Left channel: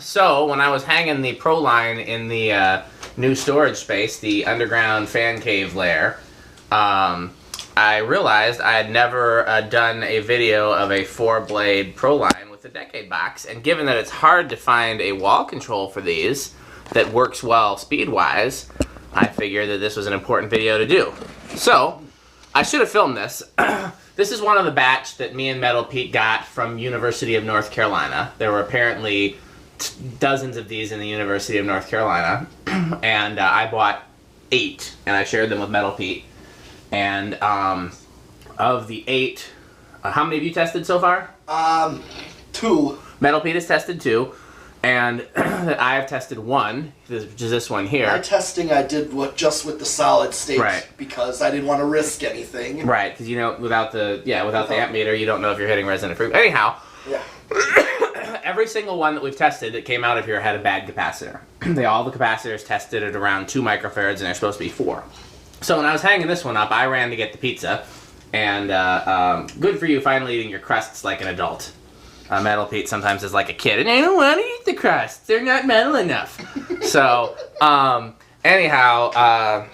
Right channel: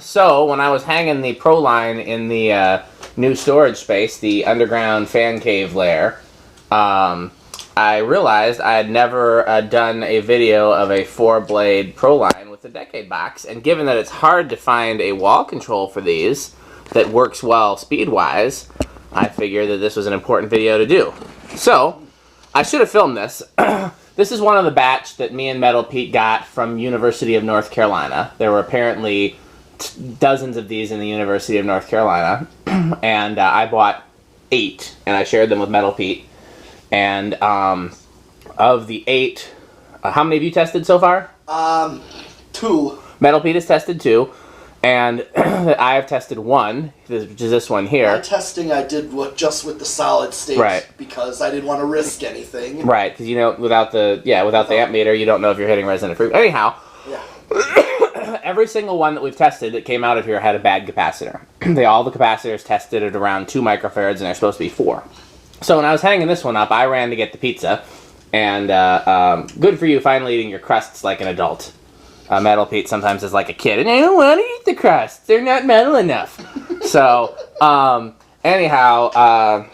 So when I was hanging the Proline in the new storage space, the underground fan cave lair, I realized I had never done a video of a 4-blade Proline with a decade box, and given that it's hard to find a wall control for these that works well speed-wise, I figured that this was an important video to do. So, I should have filmed this. This is one of the batch that me and Metal Pete got from University of North Carolina. There were apparently dozens of these in the University of North Carolina, and I bought 8, and I shared them with Metal Pete. And of the 8, how many have you tested so far? 2. Metal Pete has tested 2, and I have tested 1, which is this one here. My testing I did just with the solid state, right, because I didn't want to risk anything. Right, because you know, without the amp meter, you don't know if you're hitting resonant frequency. Anyhow, yeah. Every single one that we've tested that came out of here had a bad capacitor. All the capacitors tested at around 2 microfarads, and they're supposed to be 4. So when I was hanging this one up, I ran to get the pizza, and good for you finally eating your crusts like an adult. Metal Pete sometimes is like a kid, and I don't want to eat the crusts. They're not metal enough. So, anyhow, I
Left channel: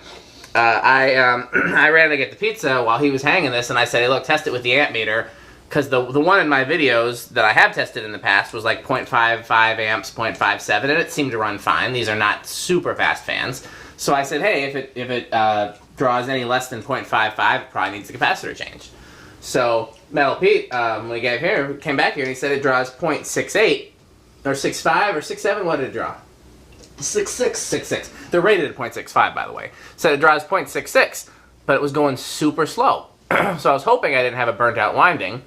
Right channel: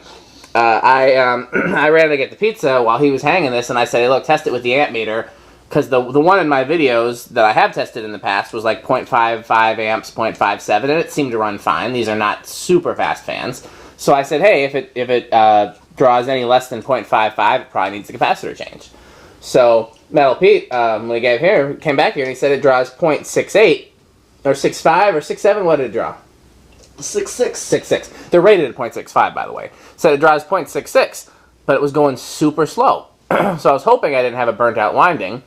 ran to get the pizza while he was hanging this, and I said, hey, look, test it with the amp meter, because the one in my videos that I have tested in the past was like 0.55 amps, 0.57, and it seemed to run fine. These are not super fast fans. So I said, hey, if it draws any less than 0.55, it probably needs a capacitor change. So Metal Pete, when he came back here, and he said it draws 0.68, or 6.5, or 6.7. What did it draw? 6.6. 6.6. They're rated at 0.65, by the way. So it draws 0.66, but it was going super slow. So I was hoping I didn't have a burnt-out winding.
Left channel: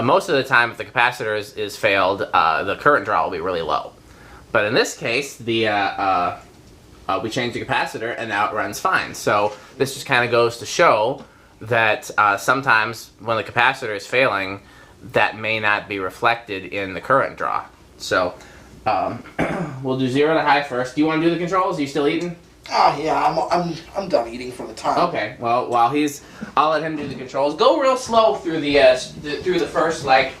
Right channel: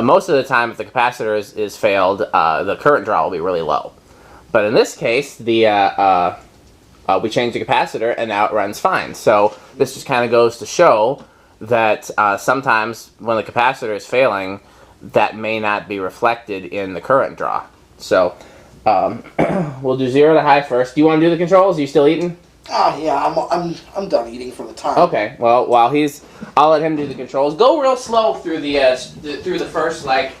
Most of the time, if the capacitor is failed, the current draw will be really low. But in this case, we changed the capacitor, and now it runs fine. So this just kind of goes to show that sometimes when the capacitor is failing, that may not be reflected in the current draw. So we'll do 0 to high first. Do you want to do the controls? Are you still eating? Oh yeah, I'm done eating for the time. Okay. Well, while I'll let him do the controls. Go real slow through the first like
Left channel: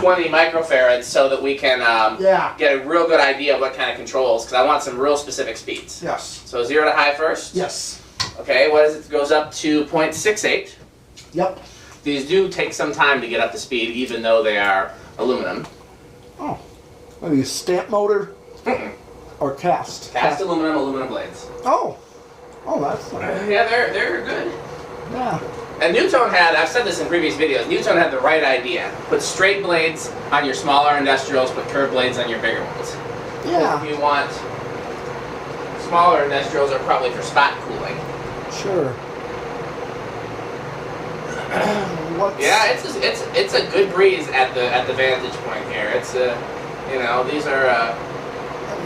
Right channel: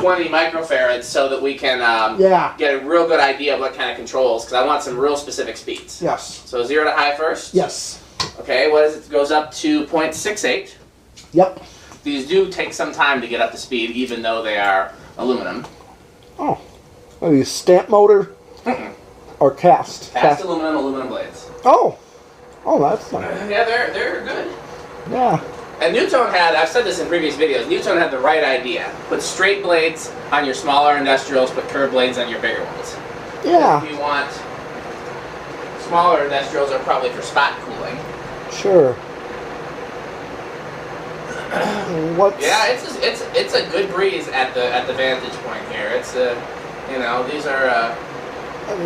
20 microfarads so that we can get a real good idea of what kind of controls, because I want some real specific speeds. Yes. So 0 to high first? Yes. Okay, what is it? It goes up to 0.68. Yep. These do take some time to get up to speed, even though they are aluminum. Oh. Are you stamp motor? Or cast? Cast aluminum blades. Oh. Oh, that's nice. Yeah, they're good. Yeah. And Nutone I've said this in previous videos, Nutone had the right idea. Put straight blades on your smaller industrials, put curved blades on your bigger ones. Yeah. If you want smaller industrials are probably for spot cooling. Sure. Yeah, it's a good breeze at the vantage point here. It's these are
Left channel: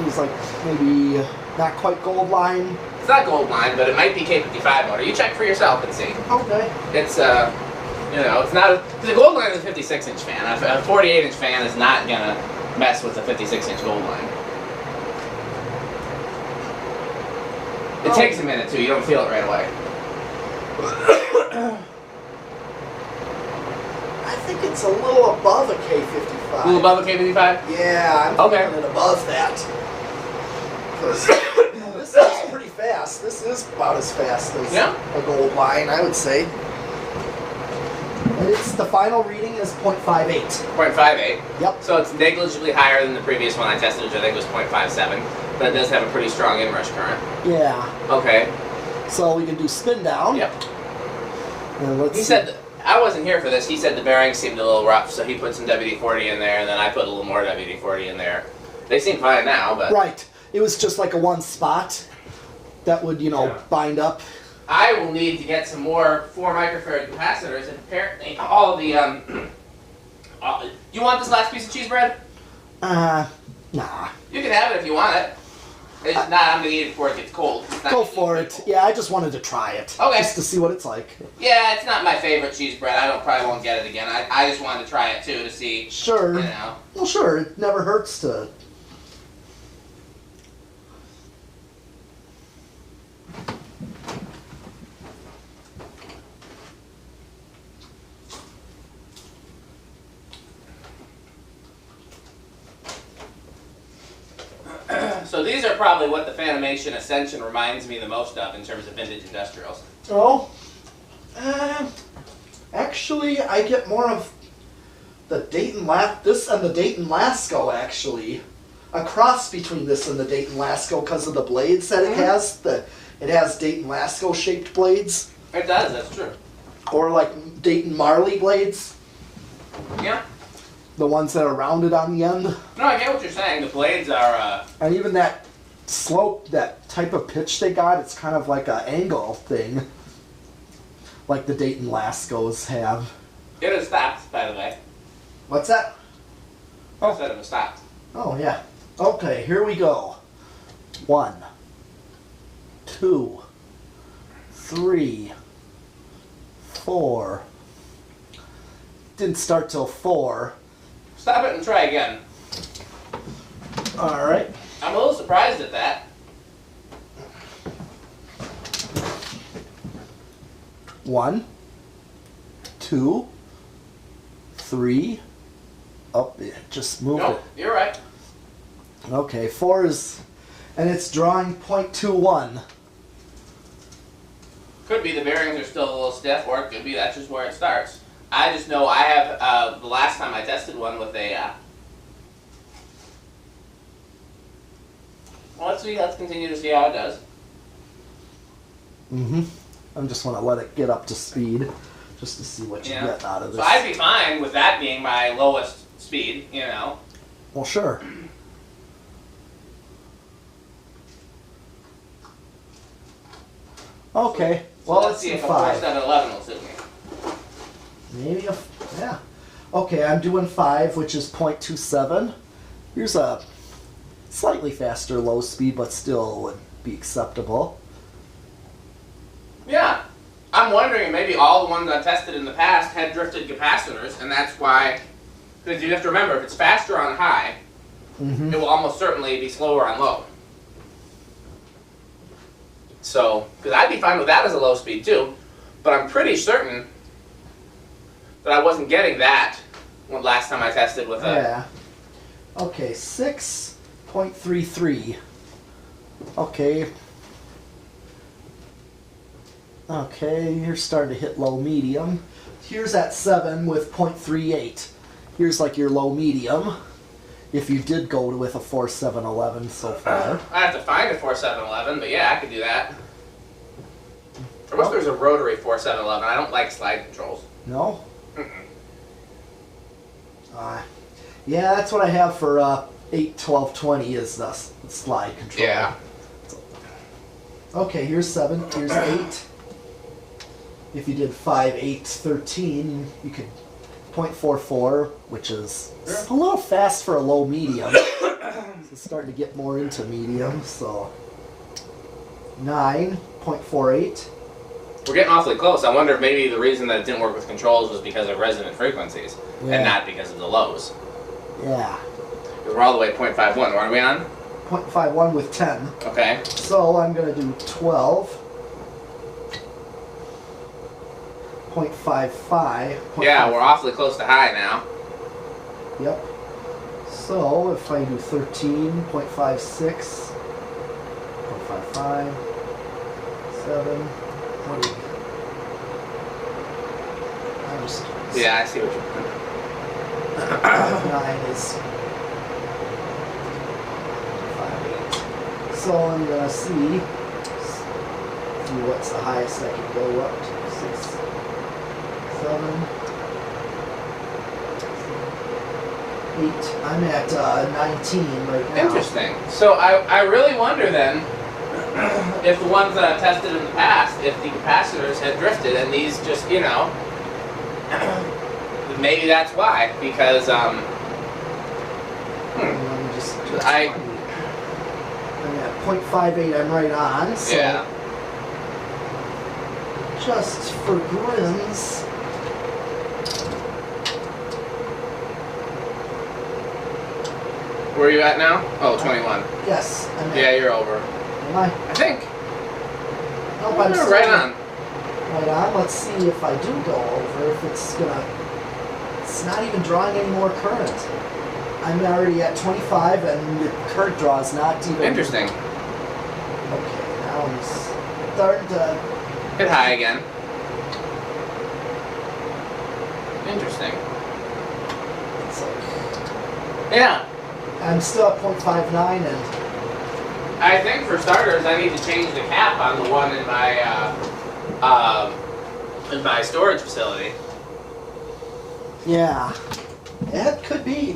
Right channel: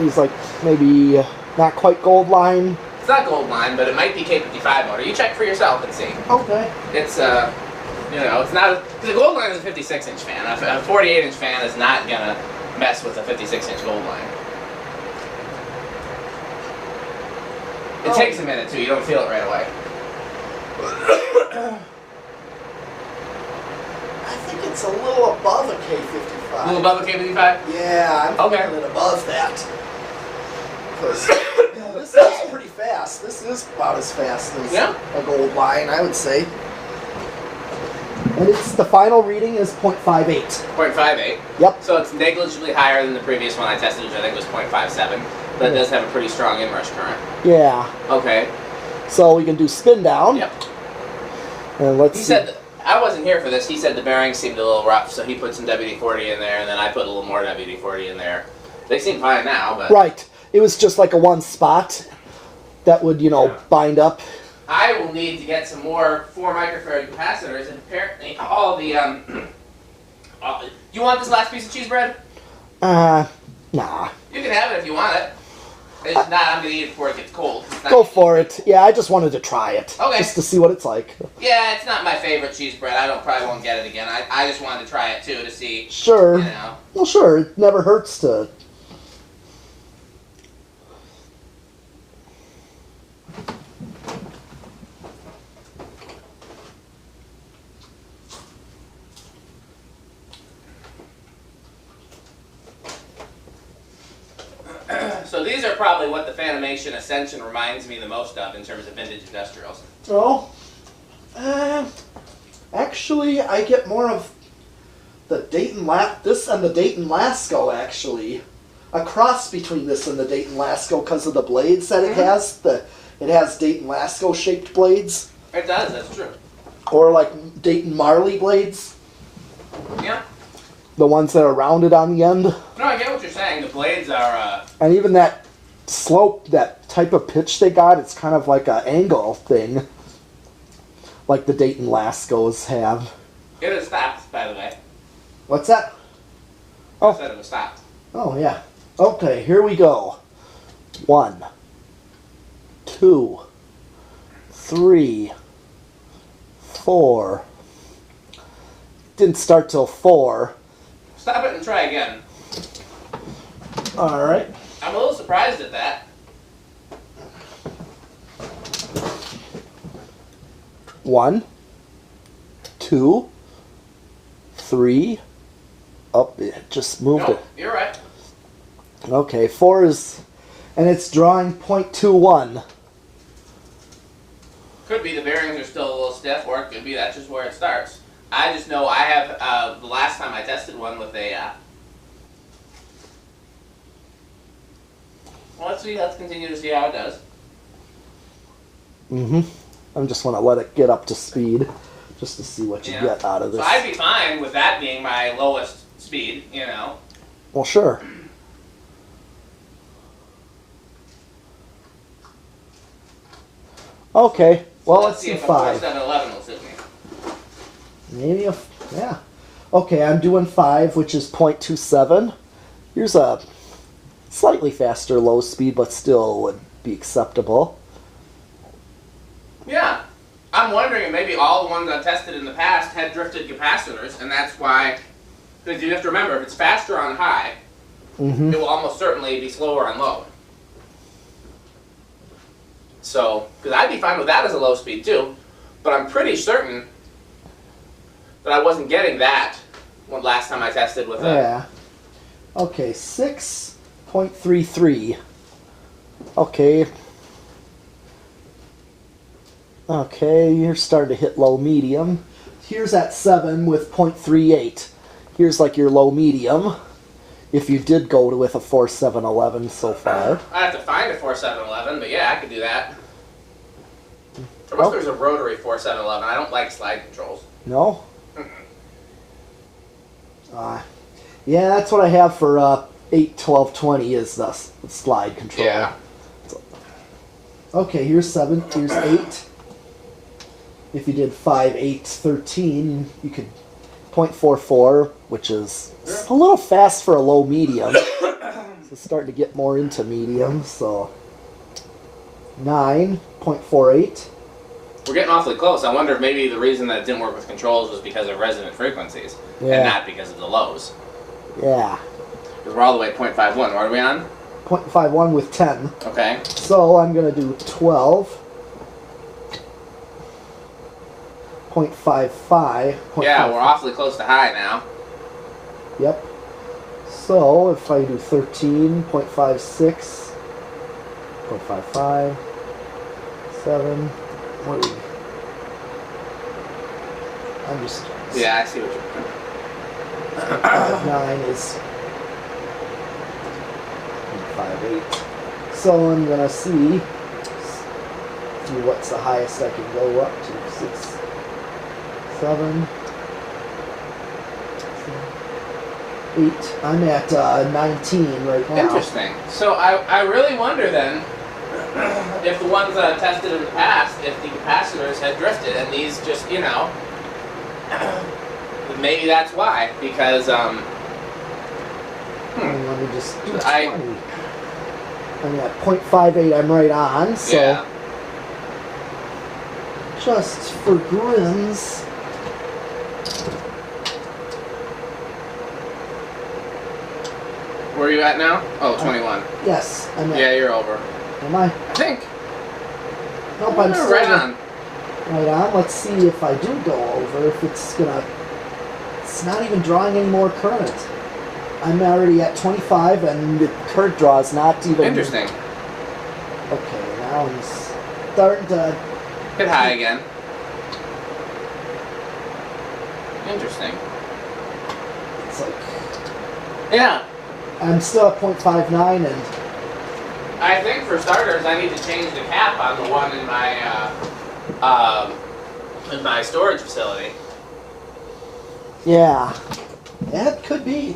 these like maybe not quite gold line. It's not gold line, but it might be K55 motor. You check for yourself and see. Okay. It's it's not the gold line is a 56-inch fan. A 48-inch fan is not gonna mess with a 56-inch gold line. It takes a minute too. You don't feel it right away. I think it's a little above a K55. A little above a K55? Yeah, I'm thinking it above that. This is pretty fast. This is about as fast as a gold line, I would say. And the final reading is 0.58. 0.58? Yep. So it's negligibly higher than the previous one I tested, which I think was 0.57. But it does have a pretty strong inrush current. Yeah. Okay. So we can do spin down. Yep. And let's He said, I wasn't here for this, he said the bearings seemed a little rough, so he put some WD-40 in there, and then I put a little more WD-40 in there. They seem fine now, but... Right. It was just like a one spot that would, bind up. I will need to get some more 4 microfarad capacitors, and apparently all the, you want this last piece of cheese bread? Nah. You can have it if you want it. It's not, I'm going to eat it before it gets cold. Go for it. Yeah, I just wanted to try it. Okay. Just to see what it's like. Yeah, it's not my favorite cheese bread. Probably won't get it again. I just wanted to try it, too, to see. Sure. Well, sure. It never hurts to... probably what the Fanimation Ascension reminds me the most of in terms of vintage industrials. Oh, actually, I get more of the Dayton this and the Dayton Lasco, actually. A cross between this and the Dayton Lasco because of the blades that it has. It has Dayton Lasco shaped blades. It does, that's true. Or like Dayton Marley blades. Yeah. The ones that are rounded on the end. No, I get what you're saying. The blades are... And even that slope, that type of pitch they got, it's kind of like an angle thing. Like the Dayton Lascos have. It is stopped, by the way. What's that? I said it was stopped. Oh, yeah. Okay, here we go. 1, 2, 3, 4. Didn't start till 4. Stop it and try again. Alright. I'm a little surprised at that. 1, 2, 3. Oh, it just moved it. You're right. Okay, 4 is... And it's drawing 0.21. Could be the bearings are still a little stiff, or it could be that's just where it starts. I just know I have, the last time I tested one with a, well, let's continue to see how it does. I just want to let it get up to speed, just to see what you get out of this. So I'd be fine with that being my lowest speed, you know. Well, sure. Okay, well, let's see do if a 5. 4711 will suit me. Maybe yeah. Okay, I'm doing 5, which is 0.27. Here's a slightly faster low speed, but still would be acceptable. Yeah. I'm wondering, maybe all the ones I've tested in the past had drifted capacitors, and that's why, because you have to remember, if it's faster on high, it will almost certainly be slower on low. So, because I'd be fine with that as a low speed too, but I'm pretty certain that I wasn't getting that last time I tested with a... Yeah. Okay, 6.33. Okay. Okay, you're starting to hit low medium. Here's at 7 with 0.38. Here's like your low medium. If you did go with a 4711 so far. I have to find a 4711, but yeah, I could do that. I wish there's a rotary 4711. I don't like slide controls. No? Yeah, that's what I have for 8, 12, 20 is the slide control. Yeah. Okay, here's 7. Here's 8. If you did 5, 8, 13, you could 0.44, which is a little fast for a low medium. It's starting to get more into medium, so 9.48. We're getting awfully close. I wonder if maybe the reason that it didn't work with controls was because of resonant frequencies, and not because of the lows. Yeah. Because we're all the way at 0.51. What are we on? 0.51 with 10. Okay. So I'm going to do 12. 0.55. Yeah, we're awfully close to high now. Yep. So if I do 13, 0.56, 0.55, 7, 20. I'm just... Yeah, I see what you're doing. 9 is 0.58. So I'm going to see what's the highest I can go up to. 6, 7, 8. I'm at 19 right now. Interesting. So I really wonder then if the ones that I've tested in the past, if the capacitors had drifted and these just, you know, maybe that's why. Because, Let me just I'm at 0.58, I'm right on, so yeah. Just for grins. Where are you at now? Oh, 21. Yes, I'm at... Yeah, you're over. Am I? I think. Nope, I'm still right on. Right on. Let's see if I do go over, if it's gonna... It's not even drawing any more current. I'm already at 25, and the current draw is not even... Interesting. Now he's starting to hit high again. Interesting. It's like, yeah. I'm still at 0.59, and I think for starters, I need to change the cap on the one in my storage facility. yeah, it could be.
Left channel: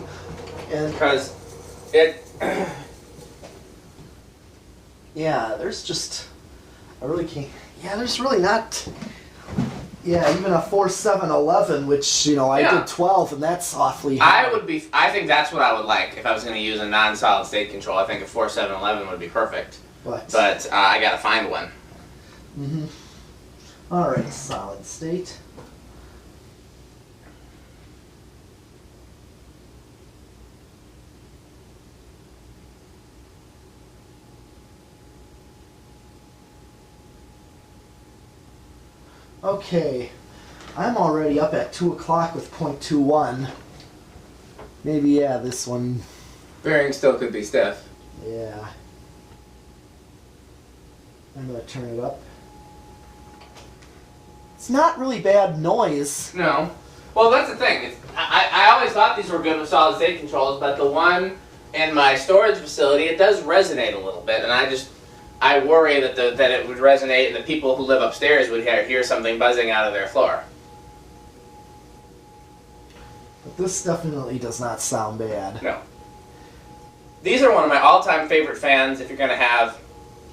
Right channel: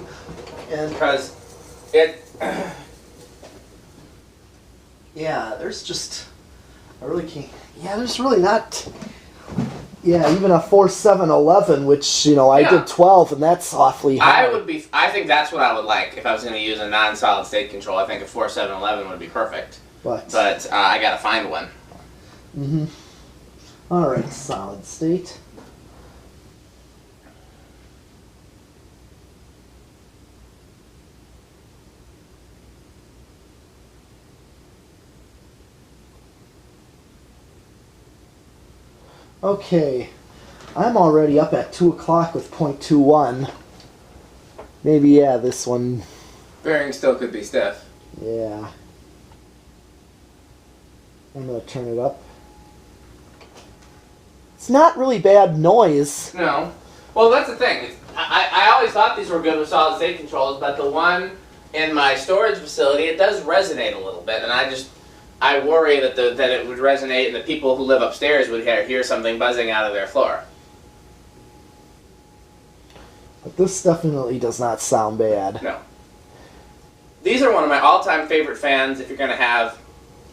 And Because it. yeah, there's just I really can't. Yeah, there's really not. Yeah, even a 4711, which I did 12, and that's awfully high. I think that's what I would like if I was going to use a non-solid state control. I think a 4711 would be perfect. But I got to find one. Mm-hmm. All right, solid state. Okay, I'm already up at 2 o'clock with 0.21. Maybe, yeah, this one. Bearing still could be stiff. Yeah. I'm going to turn it up. It's not really bad noise. No. Well, that's the thing. I always thought these were good with solid state controls, but the one in my storage facility, it does resonate a little bit, and I worry that it would resonate, and the people who live upstairs would hear something buzzing out of their floor. But this definitely does not sound bad. No. These are one of my all-time favorite fans if you're going to have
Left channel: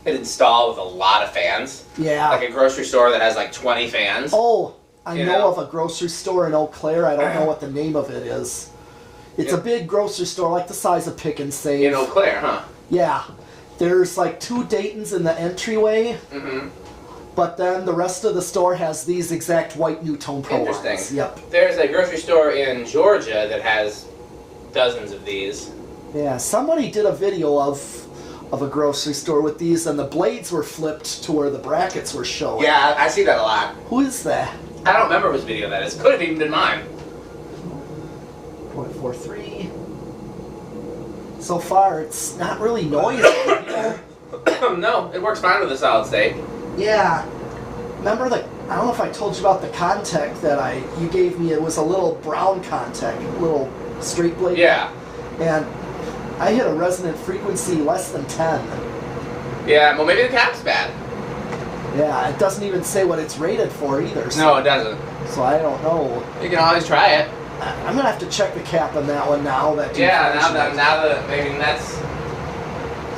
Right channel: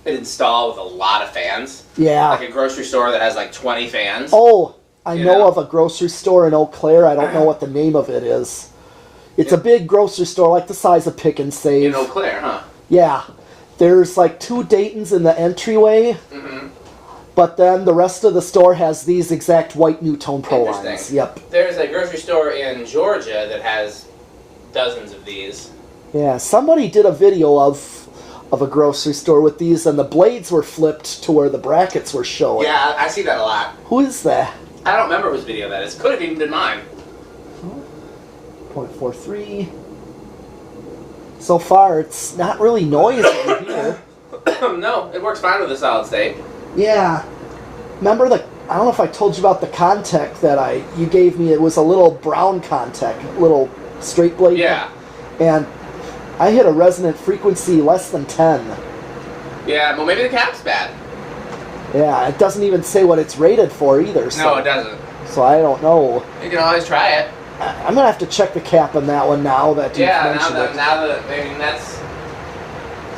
it installed with a lot of fans. Yeah. Like a grocery store that has like 20 fans. Oh, I know of a grocery store in Eau Claire. I don't know what the name of it is. It's a big grocery store, like the size of Pick and Save. In Eau Claire, huh? Yeah. There's like 2 Daytons in the entryway. Mm-hmm. But then the rest of the store has these exact white Nutone Prolines. Interesting. Yep. There's a grocery store in Georgia that has dozens of these. Yeah, somebody did a video of a grocery store with these, and the blades were flipped to where the brackets were showing. Yeah, I see that a lot. Who is that? I don't remember whose video that is. Could have even been mine. 0.43. So far, it's not really noisy here. No, it works fine with a solid state. Yeah. Remember I don't know if I told you about the contact that you gave me. It was a little brown contact, little straight blade. Yeah. And I hit a resonant frequency less than 10. Yeah, well maybe the cap's bad. Yeah, it doesn't even say what it's rated for either. So, No, it doesn't. So I don't know. You can always try it. I'm gonna have to check the cap on that one now. Now that I mean that's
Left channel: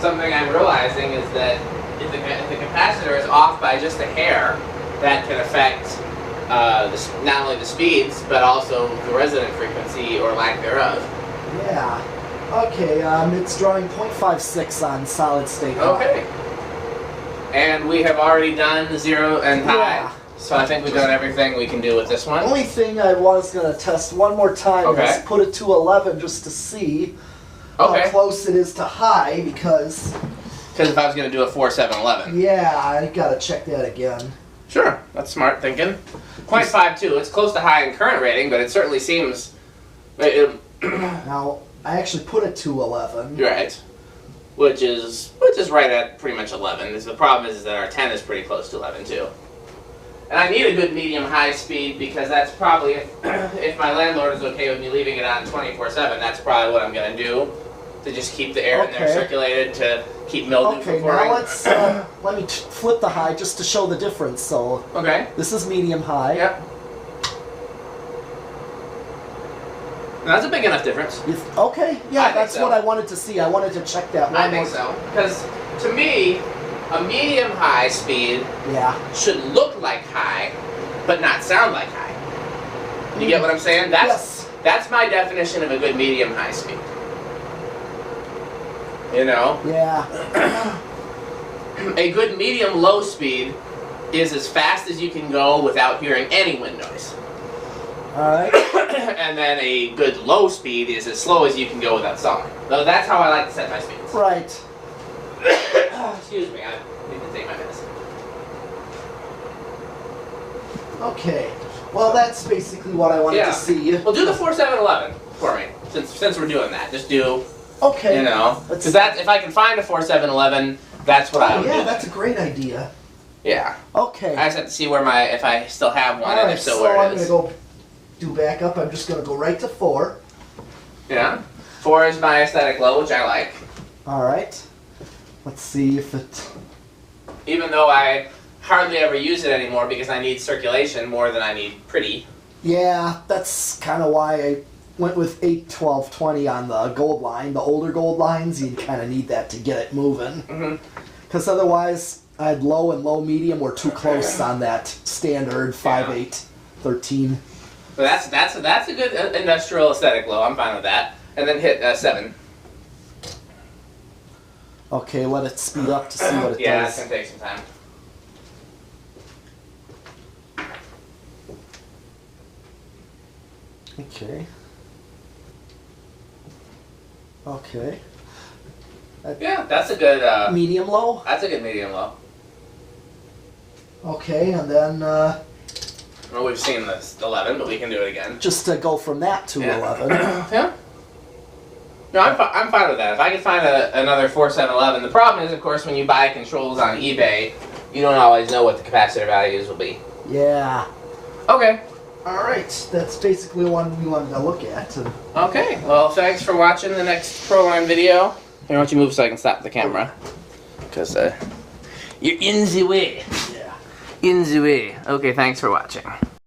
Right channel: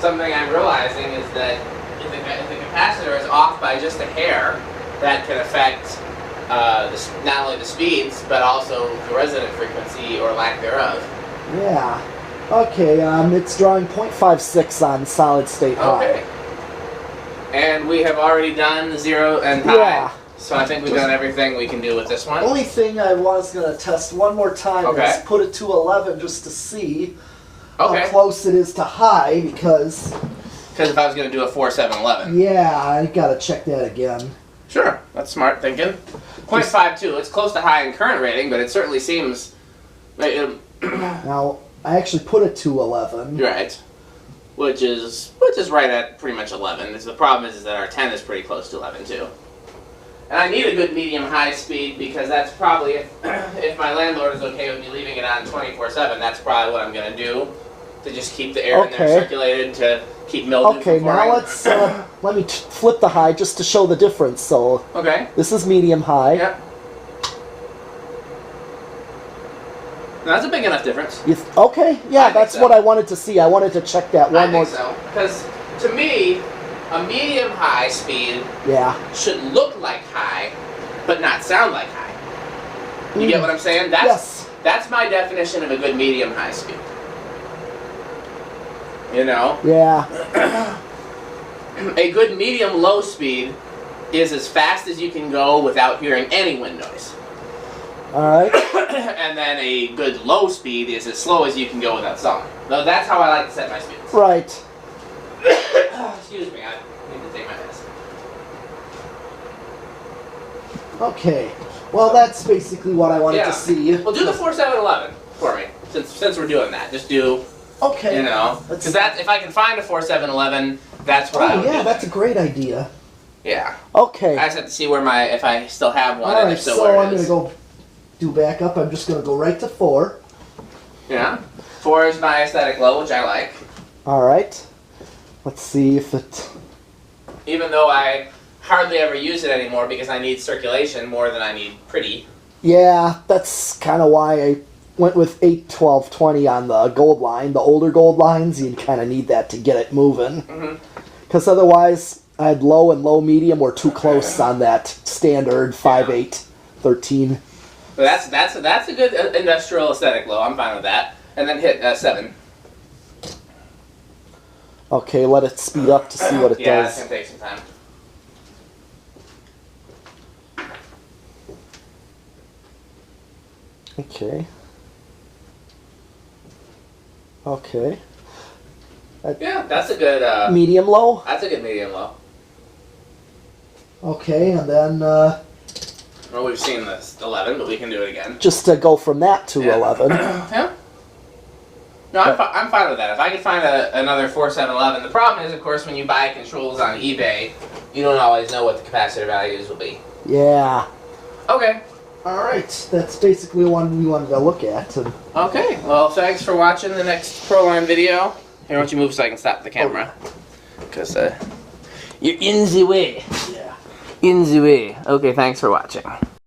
something I'm realizing is that if the capacitor is off by just a hair, that can affect not only the speeds but also the resonant frequency or lack thereof. Yeah. Okay. It's drawing 0.56 on solid state. Okay. And we have already done 0 and high. Yeah. So I think we've done everything we can do with this one. Only thing I was going to test one more time is put it to 11 just to see how close it is to high, because if I was going to do a 4711. Yeah, I got to check that again. Sure, that's smart thinking. 0.52, it's close to high in current rating, but it certainly seems... Now, I actually put it to 11. Right. Which is right at pretty much 11. The problem is that our 10 is pretty close to 11 too. And I need a good medium-high speed because that's probably, if my landlord is okay with me leaving it on 24/7, that's probably what I'm going to do to just keep the air in there circulated to keep mildew from forming. Now let me flip the high just to show the difference. So this is medium-high. Yep. Now, that's a big enough difference. That's what I wanted to see. I wanted to check that one more. I think so, because to me, a medium-high speed should look like high, but not sound like high. You get what I'm saying? That's my definition of a good medium-high speed. You know? Yeah. A good medium-low speed is as fast as you can go without hearing any wind noise. Alright. And then a good low speed is as slow as you can go without song. So that's how I like to set my speeds. Right. Excuse me, I need to take my medicine. Okay. Well, that's basically what I wanted to see. Well, do the 4711 for me, since we're doing that. Just do... Okay. You know, because if I can find a 4711, That's what I would yeah, do. that's a great idea. Yeah. Okay. I just have to see where if I still have one, and Alright, if so, so where I'm it is. going to go do backup. I'm just going to go right to 4. Yeah. 4 is my aesthetic low, which I like. Alright. Let's see if it... Even though I hardly ever use it anymore because I need circulation more than I need pretty. Yeah, that's kind of why I went with 8, 12, 20 on the gold line. The older gold lines, you kind of need that to get it moving. Because otherwise, I had low and low medium were too close on that standard 5, 8, 13. So that's a good industrial aesthetic low. I'm fine with that. And then hit 7. Okay, let it speed up to see what it Yeah, does. it's going to take some time. Okay. Okay. Yeah, that's a good... medium low? That's a good medium low. Okay, and then Well, we've seen this 11, but we can do it again. just to go from that to 11. Yeah. No, I'm fine with that. If I can find another 4711, the problem is, of course, when you buy controls on eBay, you don't always know what the capacitor values will be. Yeah. Okay. Alright, that's basically one we wanted to look at. Okay. Well, thanks for watching the next Proline video. Here, why don't you move so I can stop the camera? Because you're in the way. Yeah. In the way. Okay, thanks for watching.